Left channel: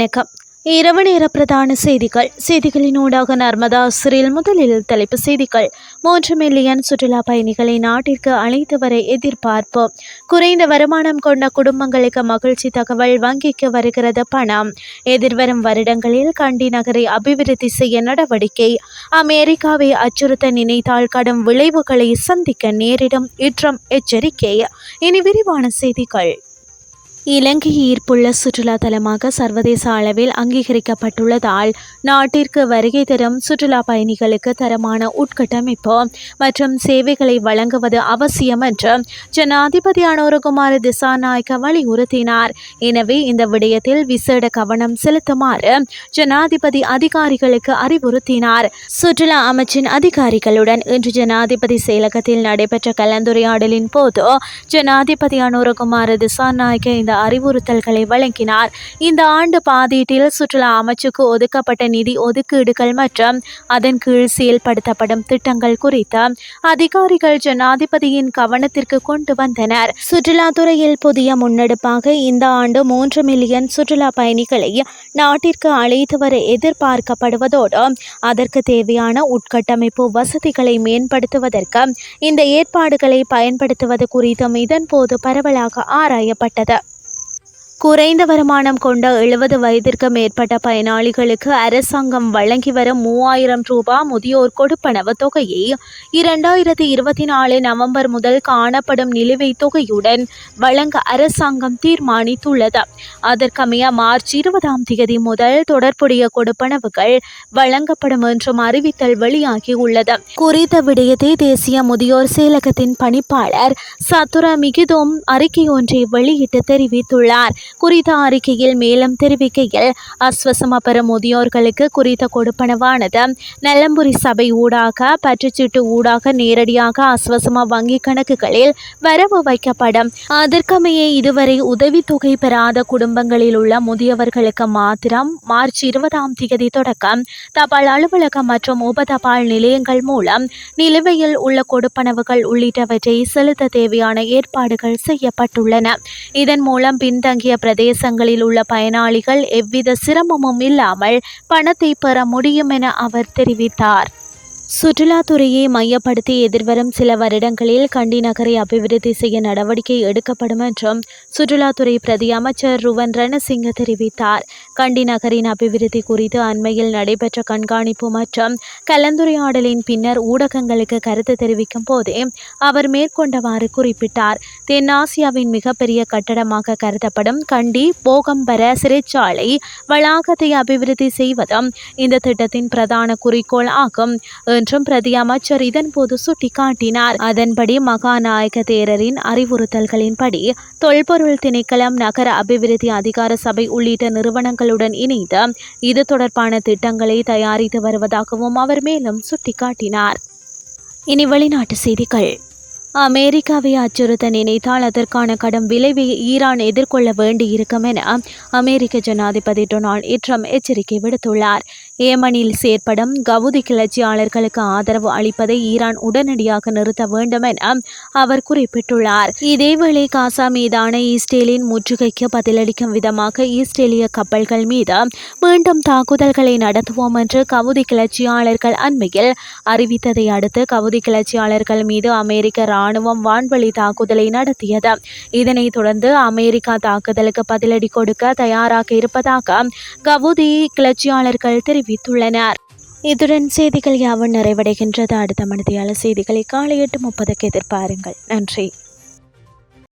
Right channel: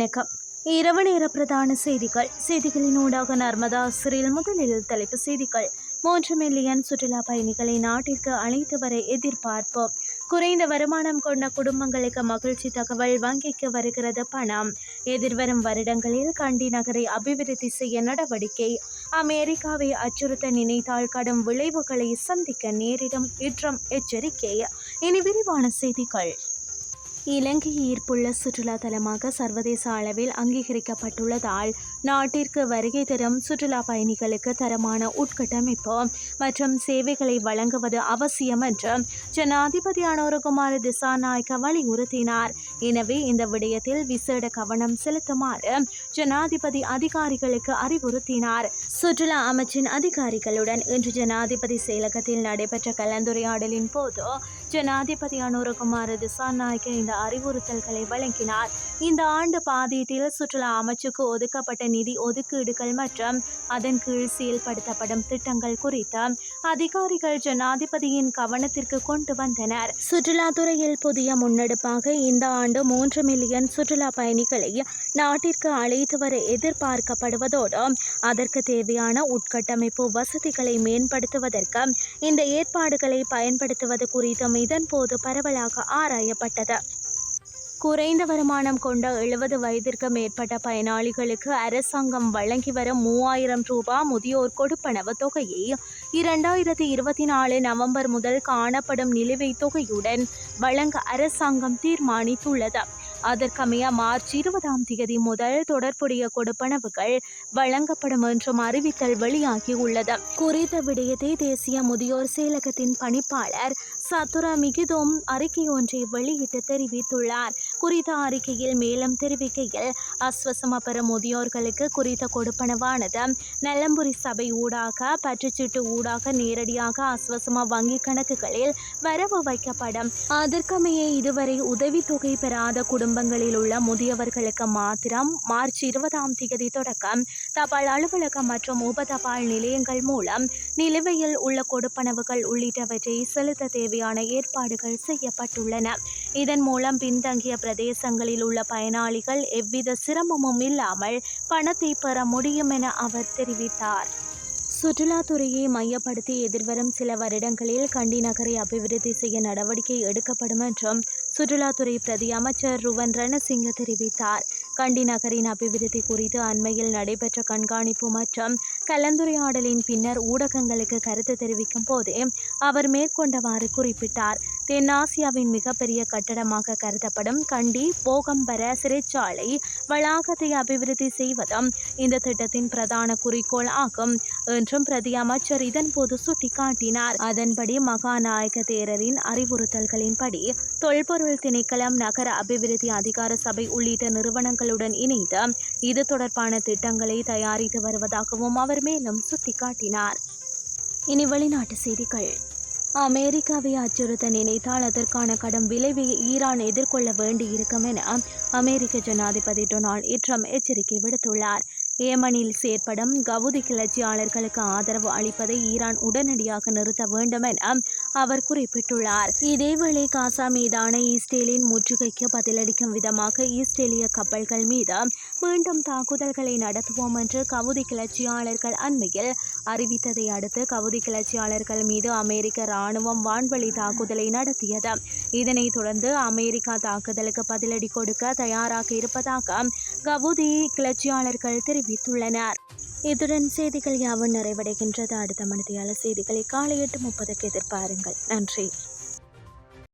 வணக்கம். இரவு நேர பிரதான செய்திகள். செய்திகளினூடாக நர்மதா சிறில் முதலில் தலைப்பு செய்திகள். மூன்று மில்லியன் சுற்றுலா பயணிகளை நாட்டிற்கு அழைத்து வர எதிர்பார்ப்பு குறைந்த வருமானம் கொண்ட குடும்பங்களுக்கு மகிழ்ச்சி தகவல் வங்கிக்கு வருகிறது பணம். எதிர்வரும் வருடங்களில் கண்டி நகரை அபிவிருத்தி செய்ய நடவடிக்கை. அமெரிக்காவை அச்சுறுத்த நினைத்தால் கடும் விளைவுகளை சந்திக்க நேரிடும். இற்றம் எச்சரிக்கை. இனி விரிவான செய்திகள். இலங்கை ஈர்ப்புள்ள சுற்றுலா தலமாக சர்வதேச அளவில் அங்கீகரிக்கப்பட்டுள்ளதால் நாட்டிற்கு வருகை தரும் சுற்றுலா பயணிகளுக்கு தரமான உட்கட்டமைப்பு மற்றும் சேவைகளை வழங்குவது அவசியம் என்று ஜனாதிபதி அனோரகுமார் திசாநாயக்க வலியுறுத்தினார். எனவே இந்த விடயத்தில் விசேட கவனம் செலுத்துமாறு ஜனாதிபதி அதிகாரிகளுக்கு அறிவுறுத்தினார். சுற்றுலா அமைச்சின் அதிகாரிகளுடன் இன்று ஜனாதிபதி செயலகத்தில் நடைபெற்ற கலந்துரையாடலின் போது ஜனாதிபதி அனோரகுமார் திசாநாயக்க இந்த அறிவுறுத்தல்களை வழங்கினார். இந்த ஆண்டு பாதீட்டில் சுற்றுலா அமைச்சுக்கு ஒதுக்கப்பட்ட நிதி ஒதுக்கீடுகள் மற்றும் அதன் கீழ் செயல்படுத்தப்படும் திட்டங்கள் குறித்து அதிகாரிகள் ஜனாதிபதியின் கவனத்திற்கு கொண்டு வந்தனர். சுற்றுலாத்துறையில் புதிய முன்னெடுப்பாக இந்த ஆண்டு மூன்று மில்லியன் சுற்றுலா பயணிகளை நாட்டிற்கு அழைத்து வர எதிர்பார்க்கப்படுவதோடு அதற்கு தேவையான உட்கட்டமைப்பு வசதிகளை மேம்படுத்துவதற்கு இந்த ஏற்பாடுகளை பயன்படுத்துவது குறித்தும் இதன்போது பரவலாக ஆராயப்பட்டது. குறைந்த வருமானம் கொண்ட எழுபது வயதிற்கு மேற்பட்ட பயனாளிகளுக்கு அரசாங்கம் வழங்கி வரும் மூவாயிரம் ரூபாய் முதியோர் கொடுப்பனவு தொகையை இரண்டாயிரத்தி இருபத்தி நாலு நவம்பர் முதல் காணப்படும் நிலுவைத் தொகையுடன் வழங்க அரசாங்கம் தீர்மானித்துள்ளது. அதற்கமைய மார்ச் இருபதாம் தேதி முதல் தொடர்புடைய கொடுப்பனவுகள் வழங்கப்படும் என்றும் அறிவித்தல் வெளியாகியுள்ளது. குறித்த விடயத்தை தேசிய முதியோர் செயலகத்தின் பணிப்பாளர் சத்துர மிகிதோம் அறிக்கை ஒன்றை வெளியிட்டு தெரிவித்துள்ளார். குறித்த அறிக்கையில் மேலும் தெரிவிக்கையில் அஸ்வசம பெறும் முதியோர்களுக்கு குறித்த கொடுப்பனவானது நலம்புரி சபை ஊடாக பற்றுச்சீட்டு ஊடாக நேரடியாக அஸ்வசம வங்கி கணக்குகளில் வரவு வைக்கப்படும். அதற்கமைய இதுவரை உதவித்தொகை பெறாத குடும்பங்களில் உள்ள முதியவர்களுக்கு மாத்திரம் மார்ச் இருபதாம் தேதி தொடக்கம். தபால் அலுவலகம் மற்றும் உப தபால் நிலையங்கள் மூலம் நிலுவையில் உள்ள கொடுப்பனவுகள் உள்ளிட்டவற்றை செலுத்த தேவையான ஏற்பாடுகள் செய்யப்பட்டுள்ளன. இதன் மூலம் பின்தங்கிய பிரதேசங்களில் உள்ள பயனாளிகள் எவ்வித சிரமமும் இல்லாமல் பணத்தை பெற முடியும் என அவர் தெரிவித்தார். சுற்றுலாத்துறையை மையப்படுத்தி எதிர்வரும் சில வருடங்களில் கண்டி நகரை அபிவிருத்தி செய்ய நடவடிக்கை எடுக்கப்படும் என்றும் சுற்றுலாத்துறை பிரதி அமைச்சர் ருவன் ரணசிங்க தெரிவித்தார். கண்டி நகரின் அபிவிருத்தி குறித்து அண்மையில் நடைபெற்ற கண்காணிப்பு மற்றும் கலந்துரையாடலின் பின்னர் ஊடகங்களுக்கு கருத்து தெரிவிக்கும் போதே அவர் மேற்கொண்டவாறு குறிப்பிட்டார். தென்னாசியாவின் மிகப்பெரிய கட்டடமாக கருதப்படும் கண்டி போகம்பர சிறைச்சாலை வளாகத்தை அபிவிருத்தி செய்வதும் இந்த திட்டத்தின் பிரதான குறிக்கோள் ஆகும். என்றும் பிரதி அமைச்சர் இதன்போது சுட்டிக்காட்டினார். அதன்படி மகாநாயக தேரரின் அறிவுறுத்தல்களின்படி தொல்பொருள் திணைக்களம் நகர அபிவிருத்தி அதிகார சபை உள்ளிட்ட நிறுவனங்களுடன் இணைந்து இது தொடர்பான திட்டங்களை தயாரித்து வருவதாகவும் அவர் மேலும் சுட்டிக்காட்டினார். இனி வெளிநாட்டு செய்திகள். அமெரிக்காவை அச்சுறுத்த நினைத்தால் அதற்கான கடும் விளைவை ஈரான் எதிர்கொள்ள வேண்டியிருக்கும் என அமெரிக்க ஜனாதிபதி டொனால்ட் ட்ரம்ப் எச்சரிக்கை விடுத்துள்ளார். ஏமனில் செயற்படும் கவுதி கிளர்ச்சியாளர்களுக்கு ஆதரவு அளிப்பதை ஈரான் உடனடியாக நிறுத்த வேண்டும் என அவர் குறிப்பிட்டுள்ளார். இதேவேளை காசா மீதான இஸ்ரேலின் முற்றுகைக்கு பதிலளிக்கும் விதமாக இஸ்ரேலிய கப்பல்கள் மீது மீண்டும் தாக்குதல்களை நடத்துவோம் என்று கவுதி கிளர்ச்சியாளர்கள் அண்மையில் அறிவித்ததை அடுத்து கவுதி கிளர்ச்சியாளர்கள் மீது அமெரிக்க ராணுவம் வான்வழி தாக்குதலை நடத்தியது. இதனைத் தொடர்ந்து அமெரிக்கா தாக்குதலுக்கு பதிலடி கொடுக்க தயாராக இருப்பதாக கவுதி கிளர்ச்சியாளர்கள் தெரிவித்துள்ளனர். இதுடன் செய்திகள் யாவும் நிறைவடைகின்றது. அடுத்த மனதியாளர் செய்திகளை காலை எட்டு முப்பதுக்கு எதிர்பாருங்கள். நன்றி.